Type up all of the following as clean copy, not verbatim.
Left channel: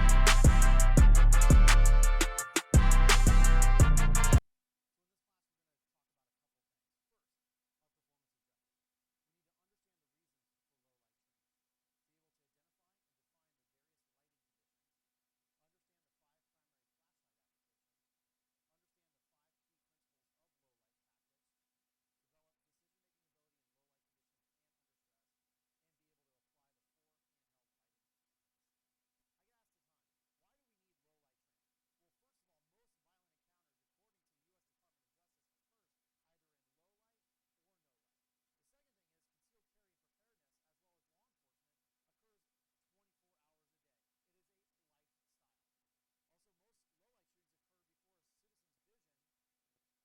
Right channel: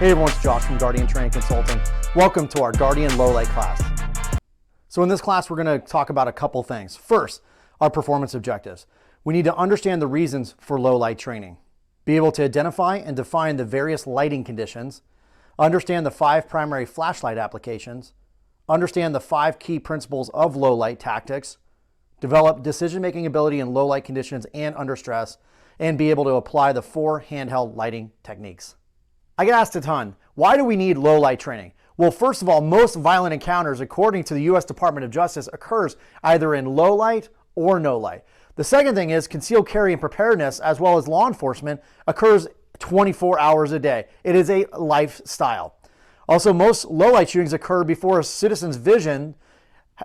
Hey everyone, it's Josh from Guardian Training Consulting. Welcome to our Guardian Lowlight class. So in this class, we're going to talk about a couple things. First, our performance objectives. We need to understand the reasons for lowlight training, be able to identify and define the various lighting conditions, understand the 5 primary flashlight applications, understand the 5 key principles of lowlight tactics, develop decision-making ability in lowlight conditions and under stress, and be able to apply the 4 handheld lighting techniques. I get asked a ton, why do we need low light training? Well, first of all, most violent encounters, according to the U.S. Department of Justice, occurs either in low light or no light. The second thing is concealed carry and preparedness, as well as law enforcement, occurs 24 hours a day. It is a lifestyle. Also, most low light shootings occur before a citizen's vision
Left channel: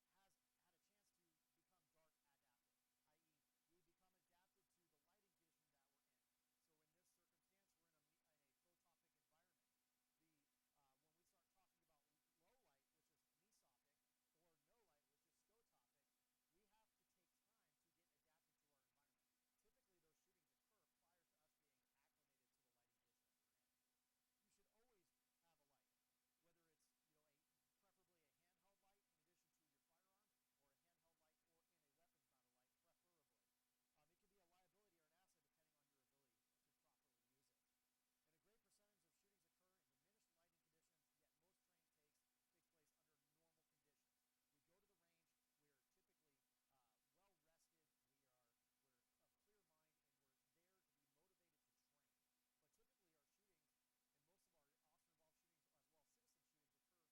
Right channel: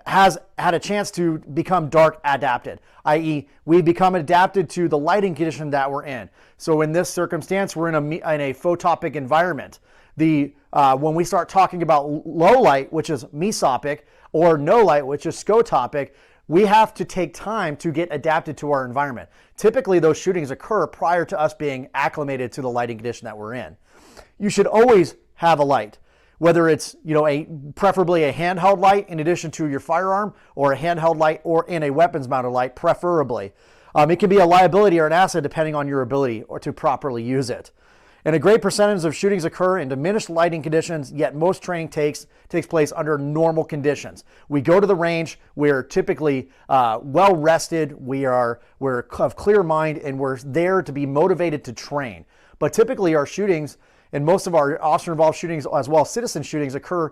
has had a chance to become dark adapted, i.e. we become adapted to the lighting condition that we're in. So in this circumstance, we're in a photopic environment. When we start talking about low light, which is mesopic, or no light, which is scotopic, we have to take time to get adapted to our environment. Typically, those shootings occur prior to us being acclimated to the lighting condition that we're in. You should always have a light, whether it's preferably a handheld light in addition to your firearm, or a handheld light or in a weapons mounted light, preferably. It can be a liability or an asset depending on your ability or to properly use it. And a great percentage of shootings occur in diminished lighting conditions, yet most training takes place under normal conditions. We go to the range, we're typically well rested, we're of clear mind, and we're there to be motivated to train. But typically our shootings, and most of our officer-involved shootings as well as citizen shootings, occur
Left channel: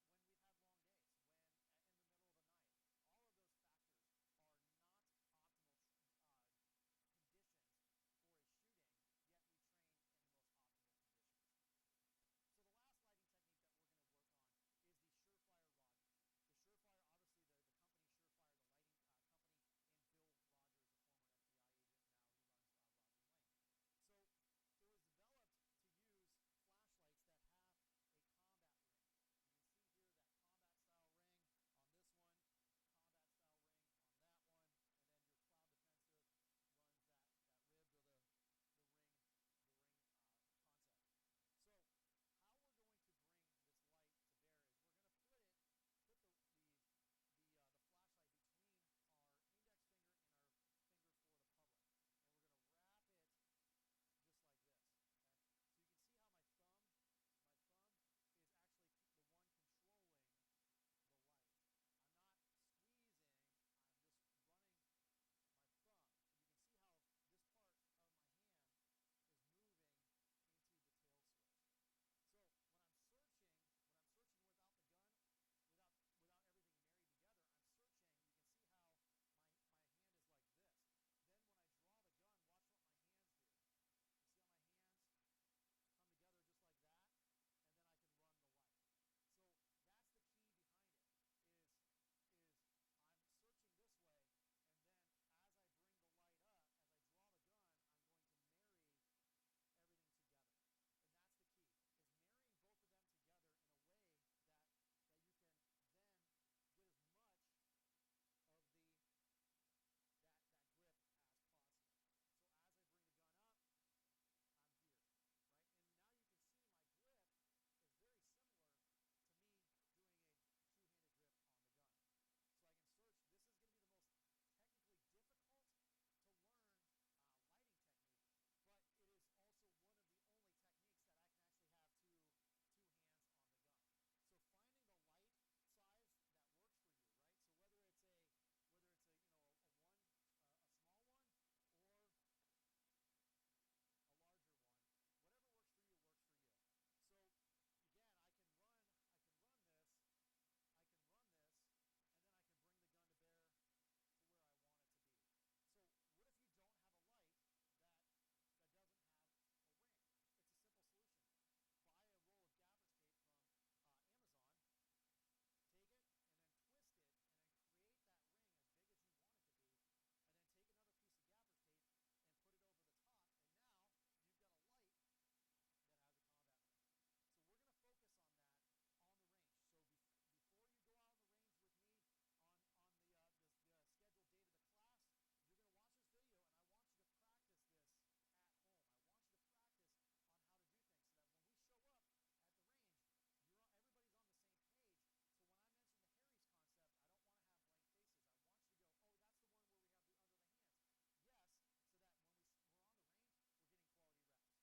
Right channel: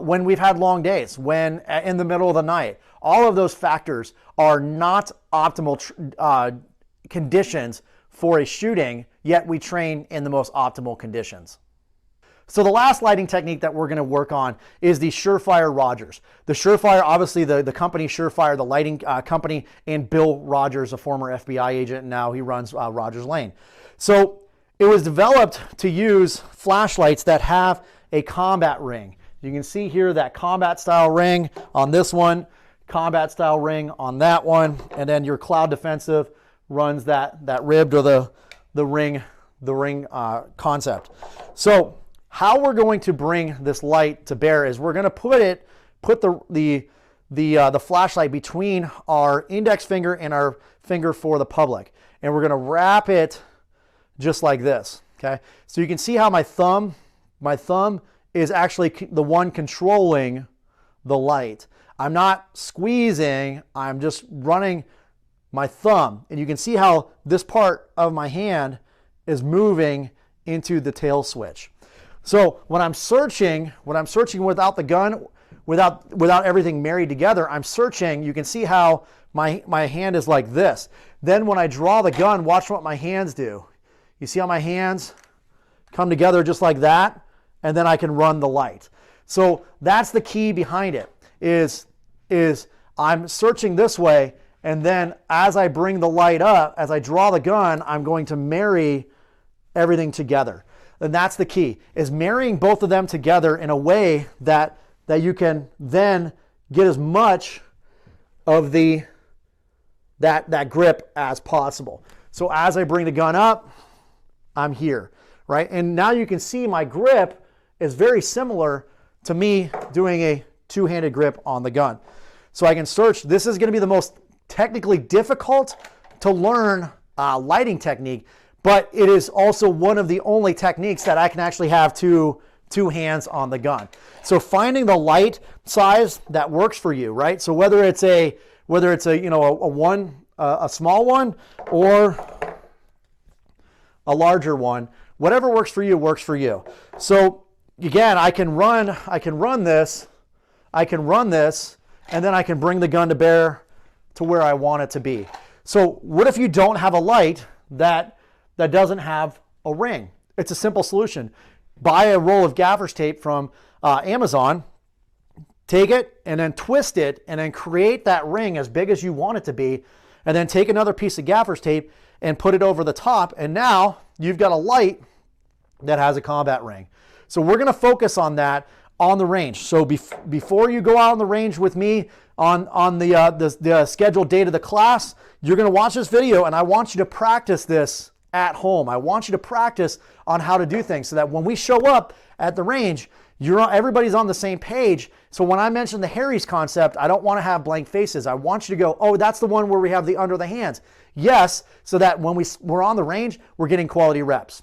when we've had long days, when in the middle of the night. All of those factors are not optimal conditions for a shooting, yet we train in the most optimal conditions. So the last lighting technique that we're going to work on is the SureFire Rodgers. The SureFire, obviously the company SureFire, the lighting company, and Bill Rodgers, a former FBI agent, and now he runs Rodgers Lane. So it was developed to use flashlights that have a combat ring. You can see here that combat style ring on this one, combat style ring on that one, and then your cloud defensive runs that ribbed or the ring concept. So how we're going to bring this light to bear is we're going to put the flashlight between our index finger and our finger for the public, and we're going to wrap it just like this. Okay, so you can see how my thumb is actually the one controlling the light. I'm not squeezing, I'm just running my thumb, and you can see how this part of my hand is moving into the tail switch. So when I'm searching without the gun, without everything married together, I'm searching, you can see how my hand is like this. Then when I draw the gun, watch what my hands do. You see how my hands come together just like that, and then I can run the light. So that's the key behind it, is I'm searching this way, and then as I bring the light up, as I draw the gun, I'm going to marry everything together. And that's the key, is marrying both of them together in a way that you can then get as much of that grip as possible. So as I bring the gun up, I'm here, right? And now you can see my grip is very similar to me doing a two-handed grip on the gun. So I can search. This is going to be the most technically difficult to learn lighting technique, but it is also one of the only techniques that I can actually have two hands on the gun. So finding the light size that works for you, right? So whether it's a small one or a larger one, whatever works for you works for you. So again, I can run this, and then I can bring the gun to bear to where I want it to be. So what if you don't have a light that doesn't have a ring? It's a simple solution. Buy a roll of gaffer's tape from Amazon, take it and then twist it, and then create that ring as big as you want it to be, and then take another piece of gaffer's tape and put it over the top, and now you've got a light that has a combat ring. So we're going to focus on that on the range. So before you go out on the range with me on the scheduled date of the class, you're going to watch this video, and I want you to practice this at home. I want you to practice on how to do things so that when we show up at the range, everybody's on the same page. So when I mention the Harries concept, I don't want to have blank faces. I want you to go, oh, that's the one where we have the under the hands. Yes, so that when we're on the range, we're getting quality reps.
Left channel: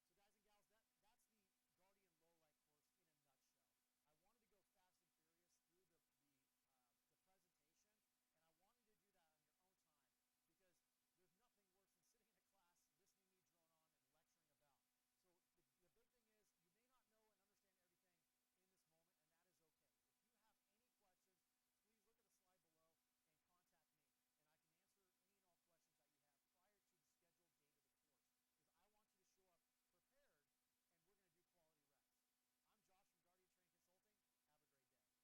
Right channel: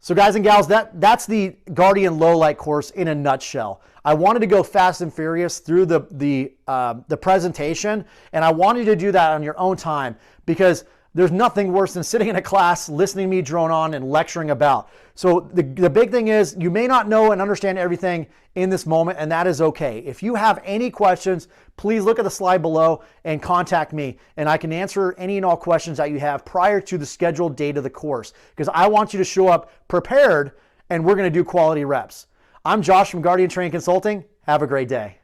So guys and gals, that's the Guardian Lowlight course in a nutshell. I wanted to go fast and furious through the presentation, and I wanted you to do that on your own time because there's nothing worse than sitting in a class, listening to me drone on and lecturing about. So the big thing is you may not know and understand everything in this moment, and that is okay. If you have any questions, please look at the slide below and contact me, and I can answer any and all questions that you have prior to the scheduled date of the course because I want you to show up prepared, and we're going to do quality reps. I'm Josh from Guardian Training Consulting. Have a great day.